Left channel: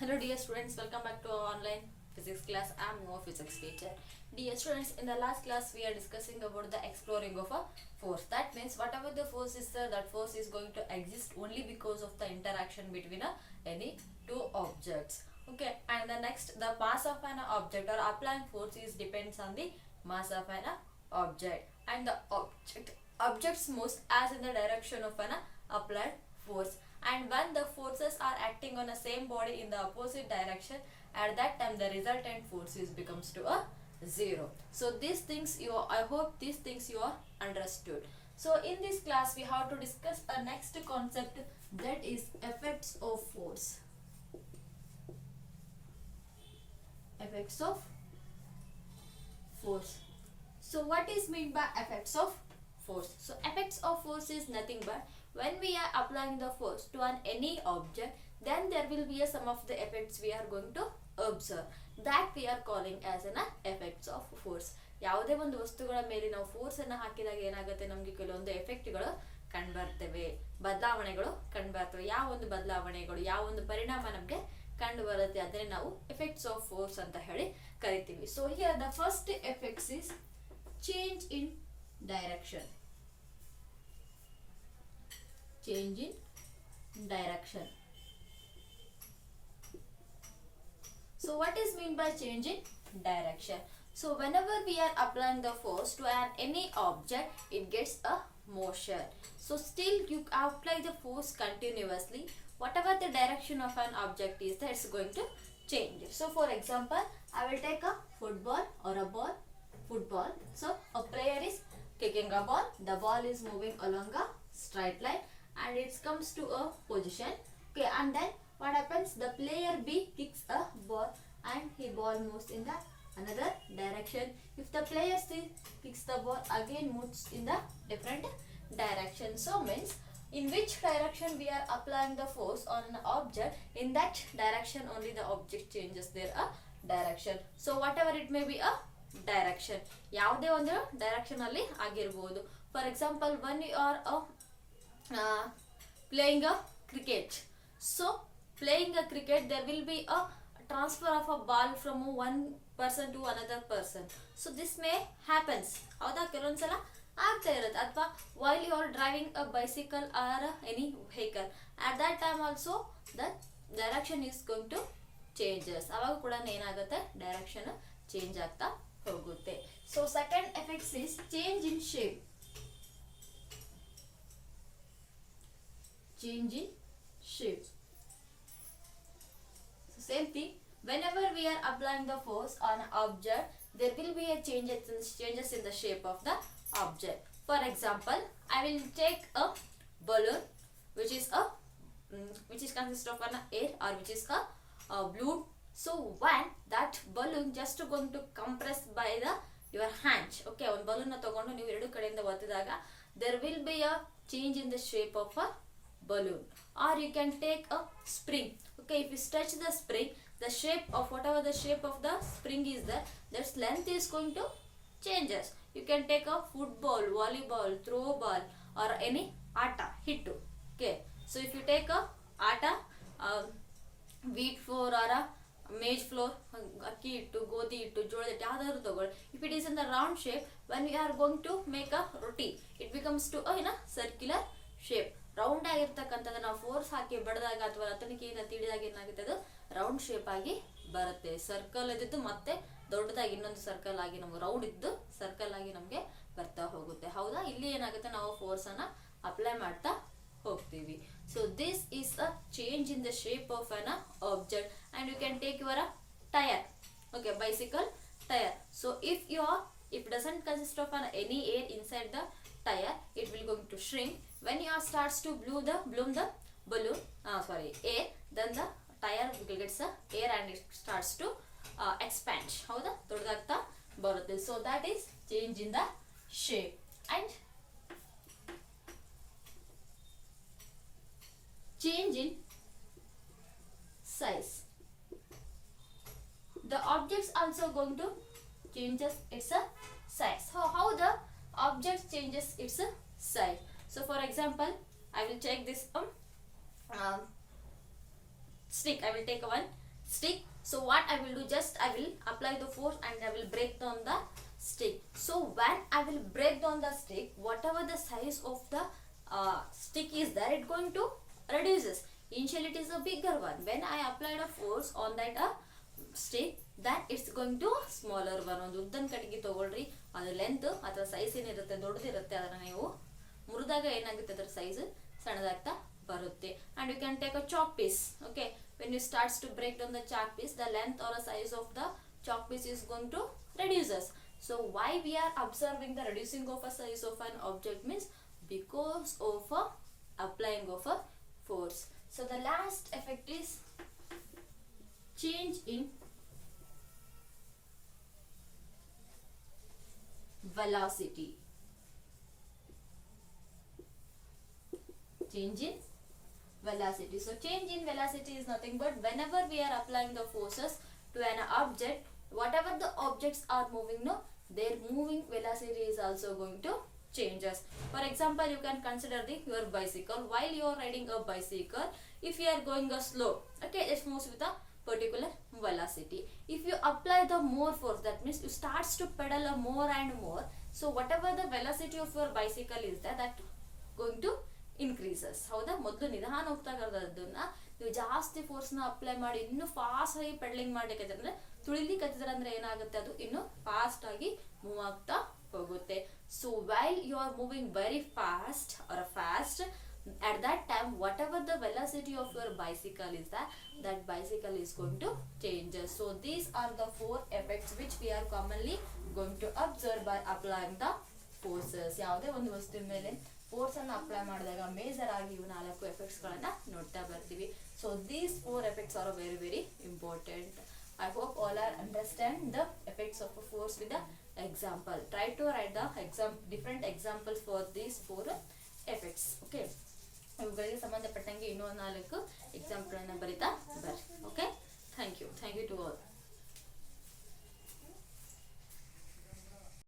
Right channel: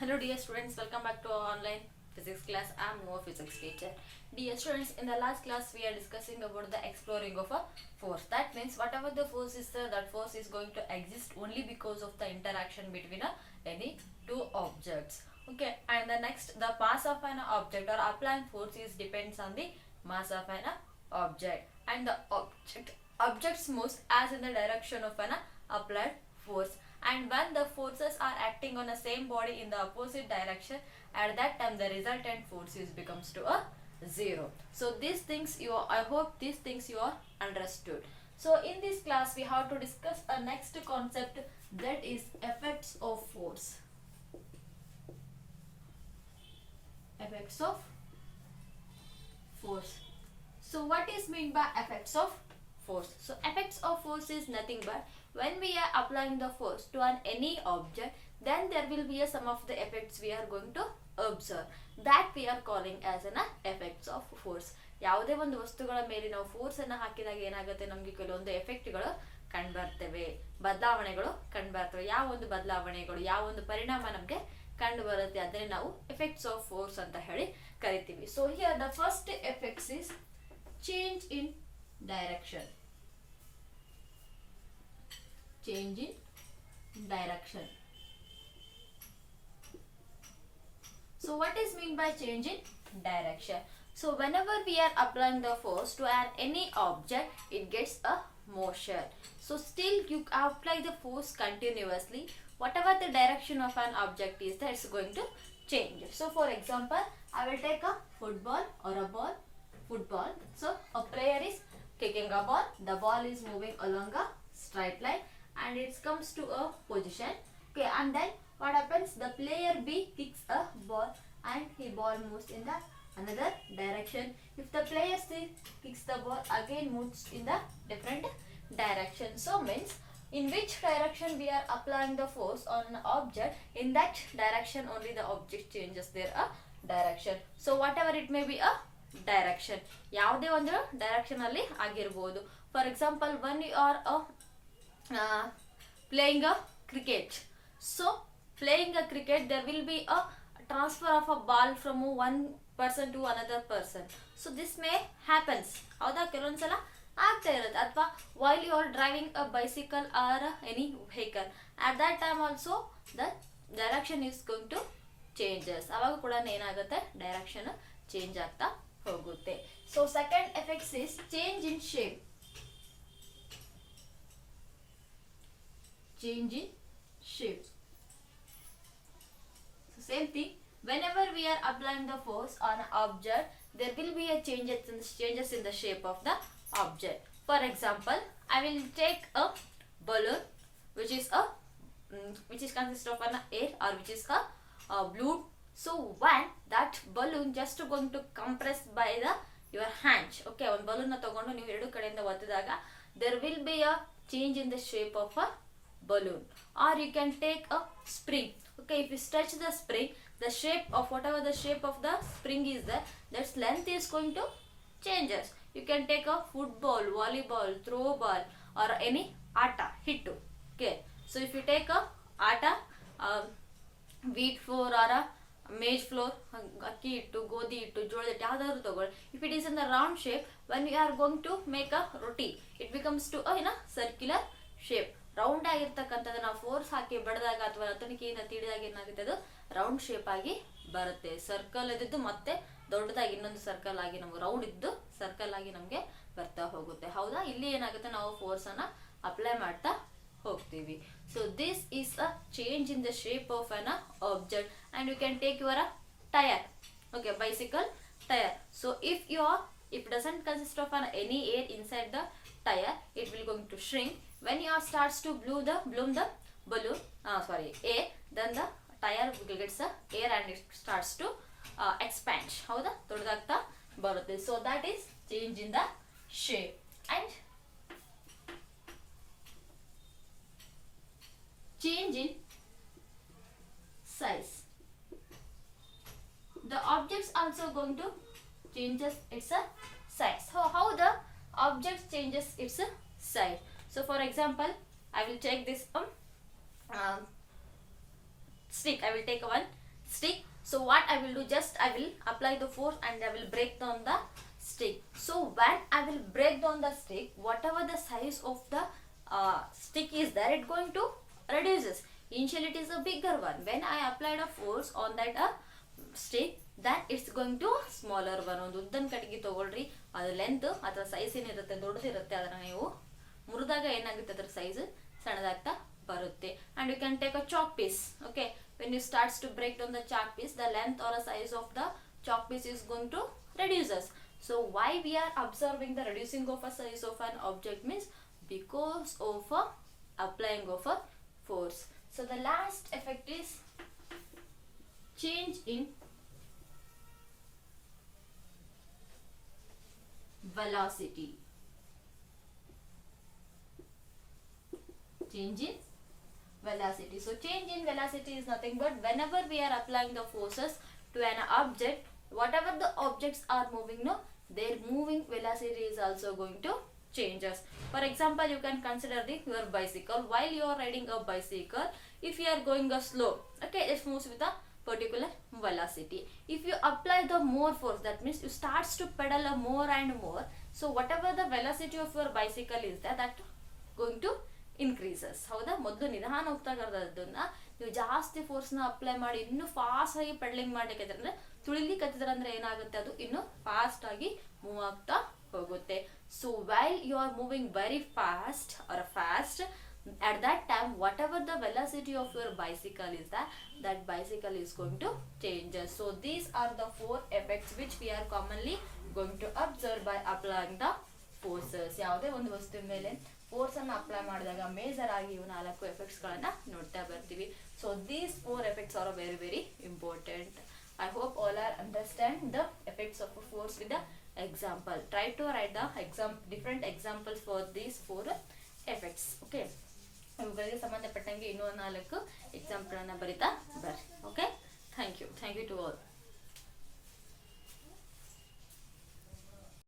Hello dear students, welcome back to our online physics class. I am your physics teacher. Dear students, in the last class we are discussing about the exploring of a force. That means whatever the force is there, that force is going to exist only because of the interaction between any two objects. Okay, and the next, the mass of an object or applying force is depends on the mass of an object, and the objects moves as in the direction of an applied force, and when the forces are acting on the same body in the opposite direction, at that time the resultant force is becomes to a zero. So these things I hope these things you are understood. So in this class we have to discuss a next concept, that is effects of force. Effects of force. So what is meant by effects of force? So effects of force is nothing but when we are applying the force to any object, then there will be some of the effects we are going to observe, that we are calling as an effects of force. ಯಾವುದೇ ಒಂದು ವಸ್ತುಗಳ ಮೇಲೆ ನಾವು force ಅನ್ನು ಹಾಕಿದಾಗ ಏನಾಗುತ್ತೆ, ನಮಗೆ ಕೆಲವೊಂದು ಎಫೆಕ್ಟ್ಗಳು ಕಂಡುಬರ್ತವೆ, ಬದಲಾವಣೆಗಳು ಕಂಡುಬರ್ತವೆ. ಯಾವ ಒಂದು ಬದಲಾವಣೆಗಳು, ಯಾವ ಒಂದು ಪರಿಣಾಮ ನಮಗೆ ಕಂಡು ಬರುತ್ತೆ, ಅದನ್ನೇ ನಾವು ಎಫೆಕ್ಟ್ಸ್ ಆಫ್ ಫೋರ್ಸ್ ಅಂತ ಹೇಳಿ ಕರಿತೀವಿ. So here the first effects is change in direction. Change in direction. So what is mean by change in direction? So whenever we are applying the force to any object, it gets a motion. So still you apply the force continuously, whatever the direction of an object is, that it's going to change. So for example, I will take a football or a ball. Football. So a player is kicking a ball. The ball is moving along a straight line and it comes to a position. Okay, and then what happens, the player B kicks a ball and his ball moves in the another direction. If the player C kicks the ball, again moves in the different direction. So means in which direction we are applying the force on an object, in that direction only the object changes their direction. So whatever it may be a direction, ಯಾವುದೇ ಒಂದು direction ಅಲ್ಲಿ ಆಗಿರಬಹುದು. For example, when you are playing a cricket, so playing a cricket, there will be a transfer of a ball from one person to another person. So this may happens, ಹೌದಾ, ಕೆಲವೊಂದ್ಸಲ ಆಗ್ತಾ ಇರುತ್ತೆ. ಅಥವಾ while you are driving a bicycle or any vehicle, at that time also the direction is going to changes. ಅವಾಗ ಕೂಡ ಏನಾಗುತ್ತೆ, direction change ಆಗ್ತಾ ಹೋಗುತ್ತೆ. So second effects is change in shape. Change in shape. So same thing, whenever we are applying the force on an object, there will be a changes in the shape of the object. For example, I will take a balloon which is consist of an air, or which is a balloon. So when that balloon just going to compress by your hand, okay, one balloon na ತಗೊಂಡು ನೀವು ಎರಡು ಕಡೆಯಿಂದ ಒತ್ತಿದಾಗ there will be a change in the shape of a balloon. Or you can take a spring. Okay, if you stretch the spring, the shape of whatever the shape of the spring is there, that length is going to changes. You can take a football, volleyball, throw ball, or any atta hittu. Okay, so if you take a atta, wheat flour or a maize flour, akki hittu, ಗೋಧಿ ಹಿಟ್ಟು, ಜೋಳದ ಹಿಟ್ಟು, ಯಾವ್ದಾದ್ರು ತಗೊಳ್ಳಿ. If it is in the round shape, when you are going to make a roti, it becomes to a circular shape. Round ಆಗಿರ್ತಕ್ಕಂಥದ್ದು ನಾವು force ಹಾಕಿ ಬಡದಾಗ ಅಥವಾ ರತನಿಕೆಯಿಂದ ತೀಡಿದಾಗ ಏನಾಗುತ್ತೆ, ಅದು ರೌಂಡ್ ಶೇಪ್ ಆಗಿ ಬರುತ್ತೆ. ಸರ್ಕಲ್ ಇದ್ದು ಮತ್ತೆ ದೊಡ್ಡದಾಗಿ ಇನ್ನೊಂದು ಸರ್ಕಲ್ ಆಗಿ ನಮ್ಗೆ ರೌಂಡ್ ಇದ್ದು ಸರ್ಕಲ್ ಆಗಿ ನಮಗೆ ಬರ್ತಾ ಹೋಗುತ್ತೆ. ಹೌದಾ, ಇಲ್ಲಿ ಏನಾಗುತ್ತೆ, ನಾವು ಫೋರ್ಸ್ ಅನ್ನ ಅಪ್ಲೈ ಮಾಡ್ತಾ ಹೋಗ್ತೀವಿ. So this is a change in the shape of an object. And you can take your tyre. Okay, bicycle tire. So if it doesn't consist of any air inside the tire, it will going to shrink. When you starts to bloom the balloon, air, then the tire gets the air and it starts to expand. ಹೌದಾ, ದೊಡ್ಡದಾಗ್ತಾ ಬರುತ್ತೆ. So that is change in the shape. And change in size. The objects also going to changes its size. So how the object changes its size? So for example, I will take this stick. I will take one stick. So what I will do, just I will apply the force and I will break down the stick. So when I will break down the stick, whatever the size of the stick is there, it going to reduces. Initially it is a bigger one. When I applied a force on that stick, that it's going to smaller one. ಒಂದು ಉದ್ದನ್ ಕಟ್ಟಿಗೆ ತಗೊಳ್ರಿ, ಅದು length ಅಥವಾ size ಏನಿರುತ್ತೆ ದೊಡ್ಡದಿರುತ್ತೆ, ಅದನ್ನ ನೀವು ಮುರಿದಾಗ ಏನಾಗುತ್ತೆ ಅದರ ಸೈಜ್ ಸಣ್ಣದಾಗ್ತಾ ಬರುತ್ತೆ. And you can take a chalk piece. Okay, when you starts to break down the chalk piece, the length or a size of the chalk piece is going to reduces. So why we are observing the reducing of a size of an object means because of a applying of a force. So the last effect is change in velocity. Change in velocity. So change in velocity is nothing but whenever we are applying the forces to an object, whatever the objects are moving, no, their moving velocity is also going to changes. For example, you can consider your bicycle. While you are riding a bicycle, if you are going a slow, okay, it moves with a particular velocity. If you apply the more force, that means you starts to pedal a more and more. So whatever the velocity of your bicycle is there, that going to increases. ಹೌದಾ? ಮೊದಲು ನಿಧಾನ ಹೋಗ್ತಾ ಇರೋದನ್ನ ನೀವು ಜಾಸ್ತಿ ಫೋರ್ಸ್ನ apply ಮಾಡಿ ಇನ್ನೂ fast ಆಗಿ ಪೆಡಲಿಂಗ್ ಮಾಡ್ಲಿಕ್ಕೆ ಅಂದ್ರೆ ತುಳಿಲಿಕ್ಕೆ ಅಂದ್ರೆ ಏನಾಗುತ್ತೆ, ಅದು ಇನ್ನು ಫಾಸ್ಟ್ ಆಗಿ ಮೂವ್ ಆಗ್ತಾ ಹೋಗುತ್ತೆ. So while you are moving very fast or fast, at that time whatever the velocity of your bicycle is that bicycle is going to change. So these are the 4 effects which we are commonly going to observe by applying the forces. ಯಾವುದೇ ಒಂದು ವಸ್ತುವಿನ ಮೇಲೆ force ಅನ್ನು apply ಮಾಡಿದಾಗ major ಆಗಿ ಇವು 4 effects ಗಳನ್ನ ನೋಡ್ತಾ ಬರ್ತೀವಿ. So these 4 effects are very very important. I hope all are understand the effects of a force with the example. Try to write the different examples for these 4 effects. Okay, ಇವುಗಳಿಗೆ ಸಂಬಂಧಪಟ್ಟಂಗೆ ಇನ್ನೂ 4 example ಗಳನ್ನ ಬರಿತಾ ಬರ್ರಿ.